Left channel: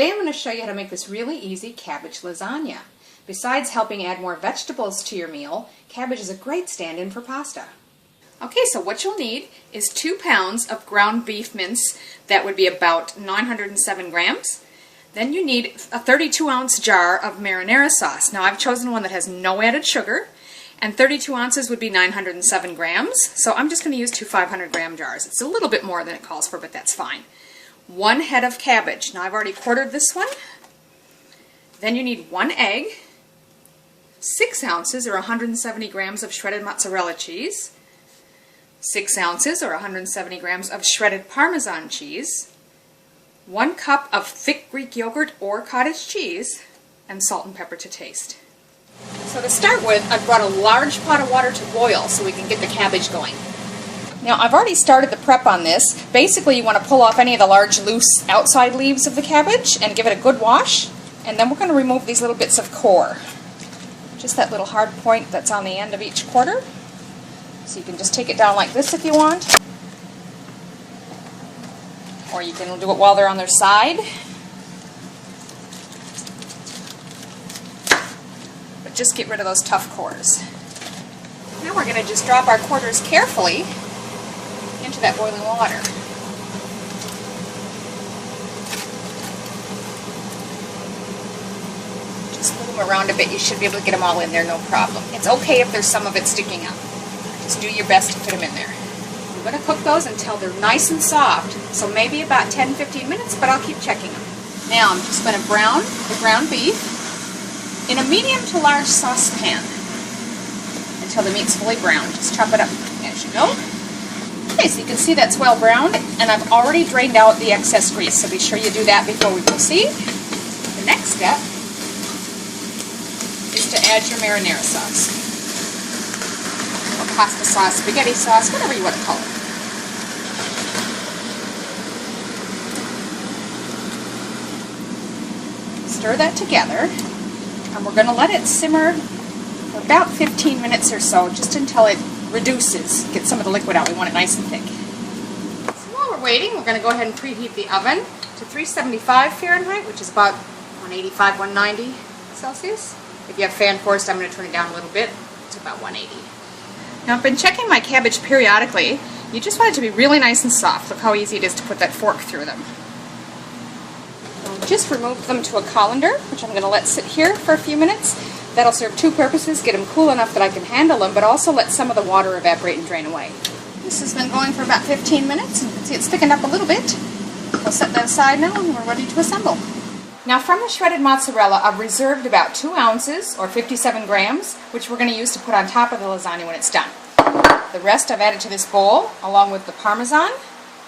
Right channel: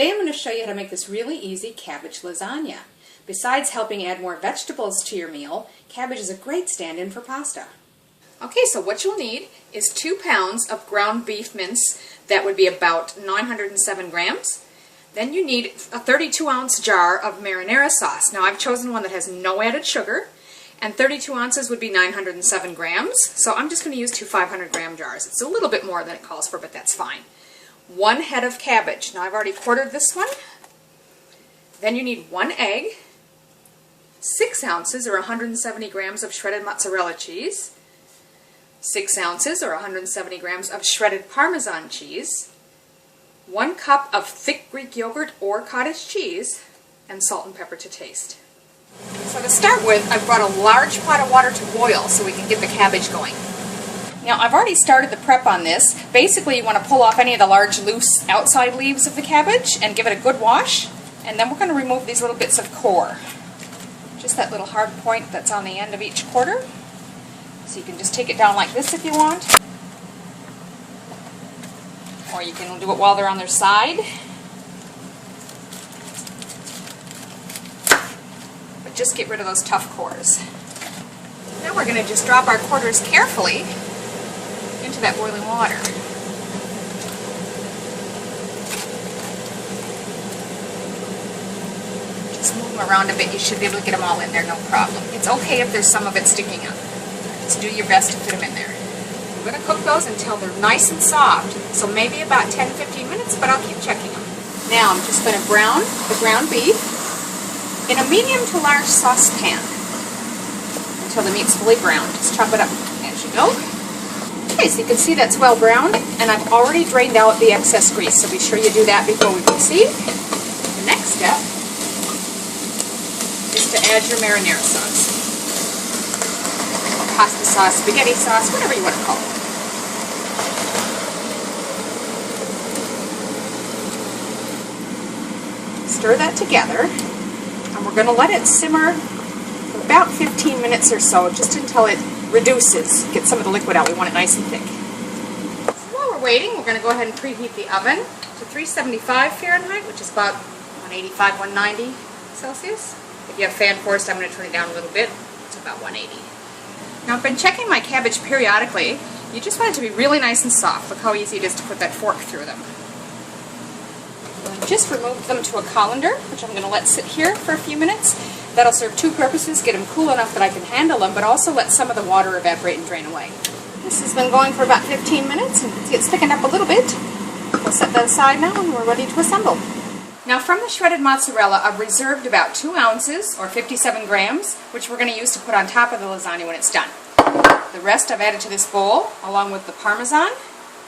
Today I'm going to show you how to make this really easy cabbage lasagna. Besides helping add more vegetables to your meal, cabbage is a great stand-in for pasta. Okay, so what you'll need is 2 pounds of ground beef mince. That would be about 907 grams. Then you need a 32-ounce jar of marinara sauce. Now I've chosen one that has no added sugar, and 32 ounces would be 907 grams. So I'm just going to use 2 500-gram jars. It's a little bit more than it calls for, but that's fine. 1 head of cabbage. Now I've already quartered this one. Then you need 1 egg, 6 ounces or 170 grams of shredded mozzarella cheese, 6 ounces or 170 grams of shredded Parmesan cheese, 1 cup of thick Greek yogurt or cottage cheese, and salt and pepper to taste. So to start with, I've brought a large pot of water to boil so we can get the cabbage going. Now I've already started the prep on this. Basically you want to pull off any of the large loose outside leaves of the cabbage and give it a good wash, and then we're going to remove these little bits of core. Just that little hard point that's on the end of each quarter. So you can just take it down like this if you want. Or you can do it while they're on their side. But just get rid of those tough cores. Now we're going to just drop our quarters carefully into that boiling water. Just move them around a bit. You should be able to get them all in there, no problem. It's okay if there's some of it sticking up. Just do your best to fit them in there. We're going to cook those until they're nice and soft. So maybe about 10-15 minutes, but I'll keep checking them. Now I'm just going to brown the ground beef in a medium to large saucepan until the meat's fully browned. Just chop it up as you go. Okay, so you can see that's well browned, and I've already drained out the excess grease, so be sure you do that before we proceed. The next step is to add your marinara sauce. Pasta sauce, spaghetti sauce, whatever you want to call it. Stir that together, and we're going to let it simmer for about 15 minutes or so, just until it reduces, get some of the liquid out. We want it nice and thick. So while we're waiting, we're going to go ahead and preheat the oven to 375 Fahrenheit, which is about 185, 190 Celsius. If you have fan forced, I'm going to turn it down a little bit to about 180. Now I've been checking my cabbage periodically. You just want it to be really nice and soft. Look how easy it is to put that fork through them. Just remove them to a colander, which I'm going to let sit here for a few minutes. That'll serve 2 purposes: get them cool enough that I can handle them, but also let some of the water evaporate and drain away. This has been going for about 15 minutes, and you can see it's thickened up a little bit. We'll set that aside now, and we're ready to assemble. Now from the shredded mozzarella, I've reserved about 2 ounces, or 57 grams, which we're going to use to put on top of the lasagna when it's done. The rest I've added to this bowl, along with the Parmesan,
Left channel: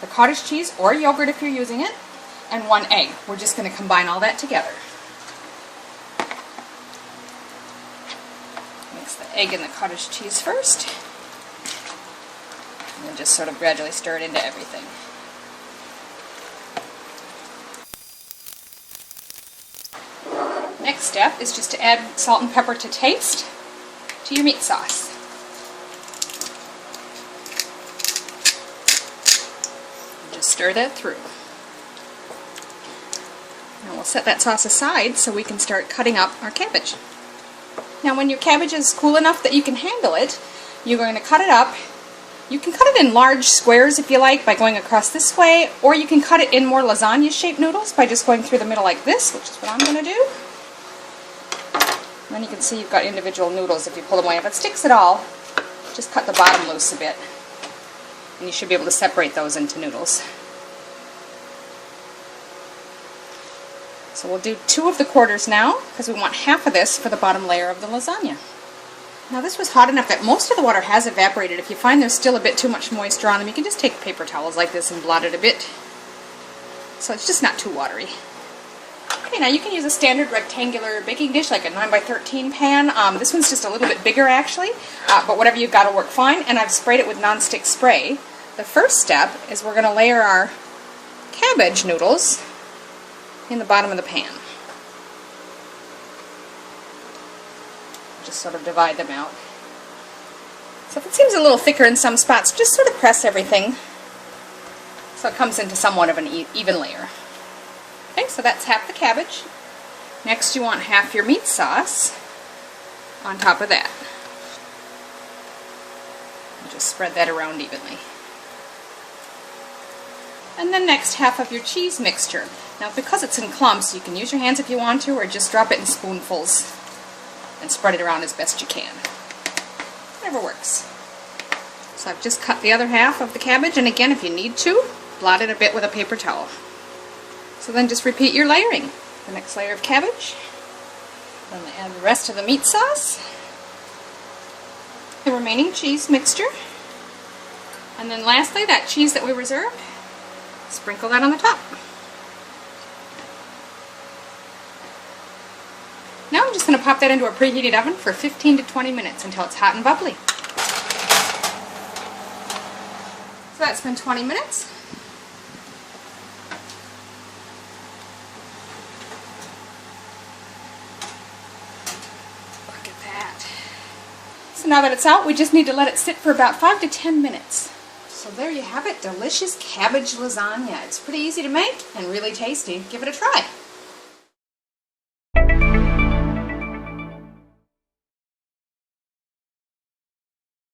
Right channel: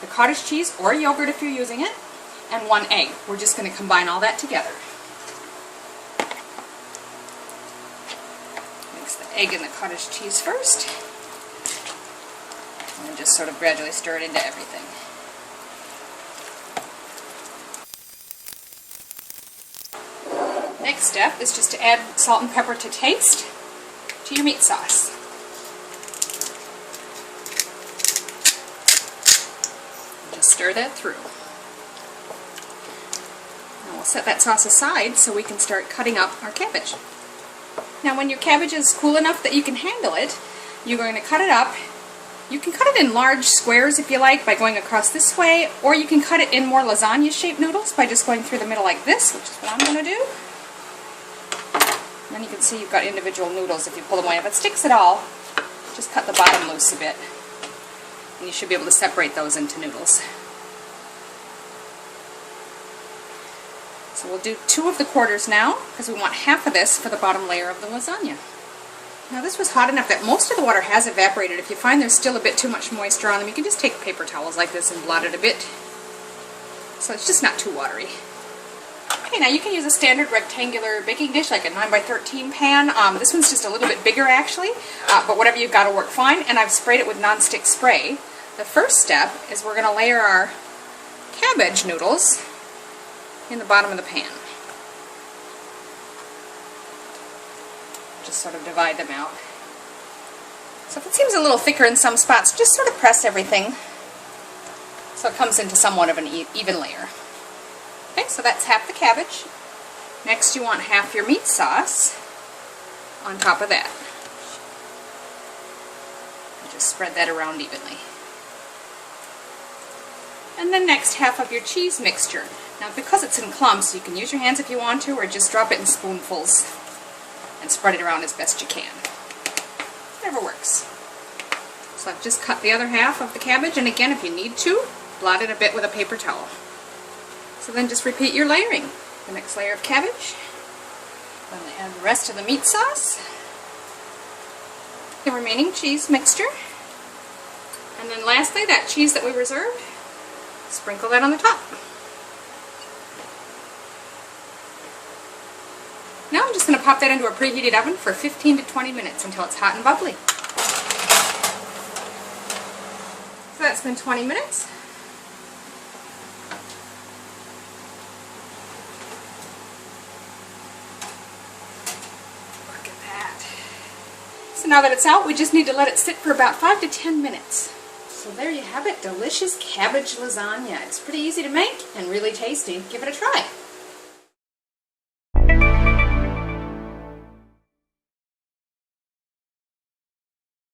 the cottage cheese, or yogurt if you're using it, and 1 egg. We're just going to combine all that together. Mix the egg and the cottage cheese first, and then just sort of gradually stir it into everything. Next step is just to add salt and pepper to taste to your meat sauce. Just stir that through. And we'll set that sauce aside so we can start cutting up our cabbage. Now when your cabbage is cool enough that you can handle it, you're going to cut it up. You can cut it in large squares if you like by going across this way, or you can cut it in more lasagna-shaped noodles by just going through the middle like this, which is what I'm going to do. And then you can see you've got individual noodles if you pull them away. If it sticks at all, just cut the bottom loose a bit, and you should be able to separate those into noodles. So we'll do 2 of the quarters now, because we want half of this for the bottom layer of the lasagna. Now this was hot enough that most of the water has evaporated. If you find there's still a bit too much moisture on them, you can just take paper towels like this and blot it a bit. So it's just not too watery. Okay, now you can use a standard rectangular baking dish, like a 9x13 pan. This one's just a little bit bigger actually, but whatever you've got will work fine, and I've sprayed it with non-stick spray. The first step is we're going to layer our cabbage noodles in the bottom of the pan. Just sort of divide them out. So if it seems a little thicker in some spots, just sort of press everything so it comes into somewhat of an even layer. Okay, so that's half the cabbage. Next you want half your meat sauce on top of that. And just spread that around evenly. And then next half of your cheese mixture. Now because it's in clumps, you can use your hands if you want to, or just drop it in spoonfuls and spread it around as best you can. Whatever works. So I've just cut the other half of the cabbage, and again, if you need to, blot it a bit with a paper towel. So then just repeat your layering. The next layer of cabbage, then add the rest of the meat sauce, the remaining cheese mixture, and then lastly that cheese that we reserved, sprinkle that on the top. Now I'm just going to pop that into a preheated oven for 15 to 20 minutes until it's hot and bubbly. So that's been 20 minutes. Look at that. So now that it's out, we just need to let it sit for about 5 to 10 minutes. So there you have it, delicious cabbage lasagna. It's pretty easy to make and really tasty. Give it a try.